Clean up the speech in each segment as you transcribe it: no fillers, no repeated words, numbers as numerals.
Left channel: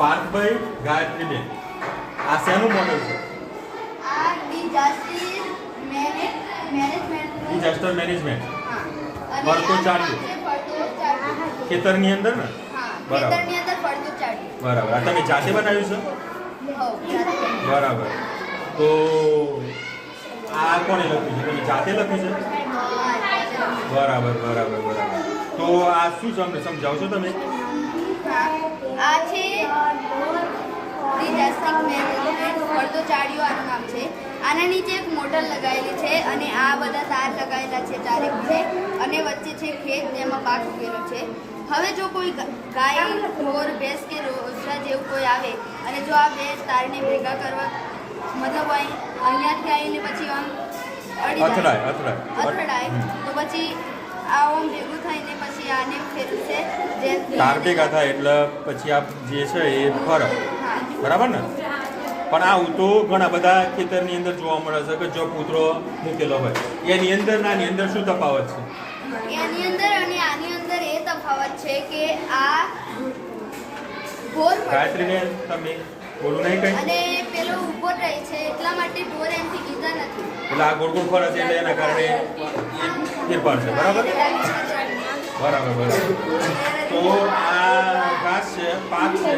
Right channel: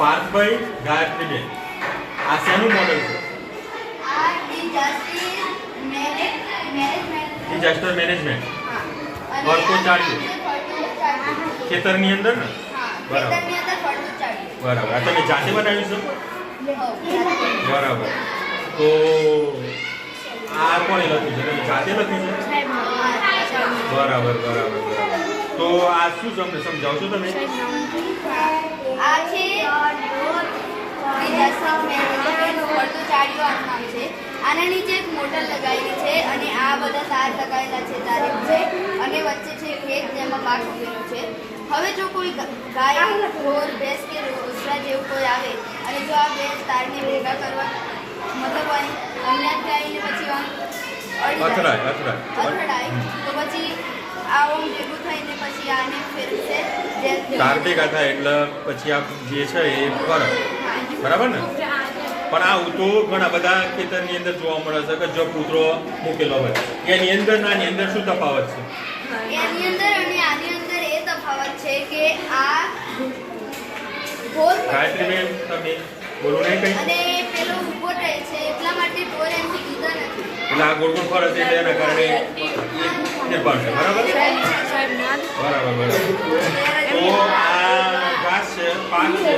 પાર્થભાઈ ગાયત્રીબેન આ શેનું મોડેલ છે? આ ડિઝાસ્ટર મેનેજમેન્ટ. હા. અને ફરતું ચાર્યું. ફરતું ચાર્યું. ખેતરની અંદર ને? હા. બરાબર. ખેતરની અંદર ફરતું ચાર્યું. બરાબર. આ તમે જાતે બનાવ્યું છે? હો, જાતે. બરાબર. તો આ કોણે લખ્યું છે? તમે જાતે લખ્યું છે? હા, જાતે. બરાબર બરાબર બરાબર. તો આ શું છે અમને સમજાવશો તમે? હા. આ છે ડિઝાસ્ટર મેનેજમેન્ટ ફરતું ચાર્યું આનું નામ છે. આના નીચે એક મોટર લગાવેલી છે અને આ બધા તાર લગાવેલા છે ચારે છે અને વચ્ચે છે ખેત જેમાં પાક ઉગેલો છે. હવે જો કોઈ ગાય ઢોર ભેંસ કે રોસડા જેવું કોઈ આવે અને જો આ બે તારને ભેગા કરવા મતલબ અહીંયાથી આવીને પછી આમ અથડાય તો પછી આ ઓમ ભેગું થઈને પછી આને ફેરવશે તાર ભેગા થાય એટલે પછી આ જે છે એ ફરક બરાબર ને? પણ આવું તો ઘણા બધા ખેતરની અંદર જોવા મળે છે કે જો પુત્રો મૂકેલો હોય એની અંદર ના એની અંદર શું તફાવત છે? એની અંદર અને આની અંદર એ તફાવત છે કે આ ગોળ ગાયત્રીબેન તમે બોલો નહીં કઈ? અને પેલો ઊભો રહે છે એટલા માટે ઢોર એમથી જુદા નથી. એટલે આ ગોળ ગોળ ફરે છે એટલે એના કારણે ફેરફાર છે બરાબર બરાબર. તો આ ઘાસ છે, પાક છે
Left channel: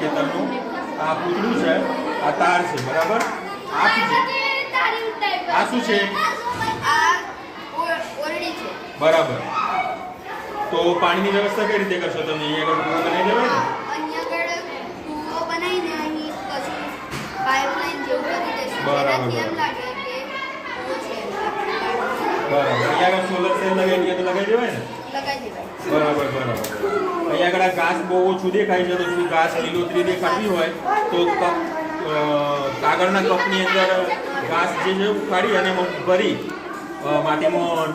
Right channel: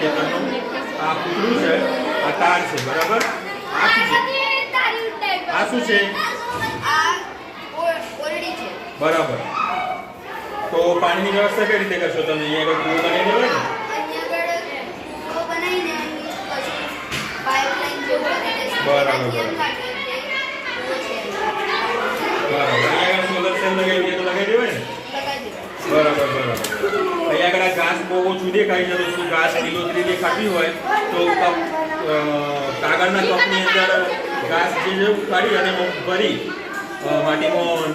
ખેતરનું, આ પૂતળું છે, આ તાર છે બરાબર. આ શું છે? આ શું છે? આ ઓરડી છે બરાબર. તો પાણીની વ્યવસ્થા કઈ રીતે કરશો તમે? અહીંયા આગળ કૂવો બનાવી દેવાય ને? અહીંયા આગળ કૂવો બનાવીને અહીં પછી પાઇપલાઇન જેવું કરી દેશું. બરાબર. એનાથી એમ લાગે કે કૂવો છે. બરાબર. અહીંયા આગળ સોલર સેલ લગાવી દઈએ તો લગાવી દેવાય ને? લગાવી દેવાય. બરાબર બરાબર. અહીંયા આગળ આ ઘાસ બહુ ઓછું દેખાય છે તો જો ઘાસ લીલોતરી દેખાતી હોય તો કાગળના કપની અંદર ઘાસ જે ઉપાડી અને ભરી માટીમાં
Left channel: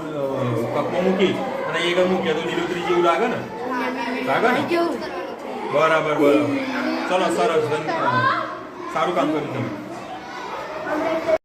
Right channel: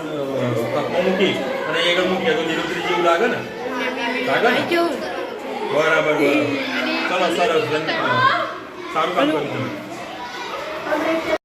કપમાં મૂકી અને એ આગળ મૂકીએ તો લીલોતરી જેવું લાગે ને? લાગે ને? બરાબર બરાબર. ચલો સરસ. સારું કામ કર્યું તમે.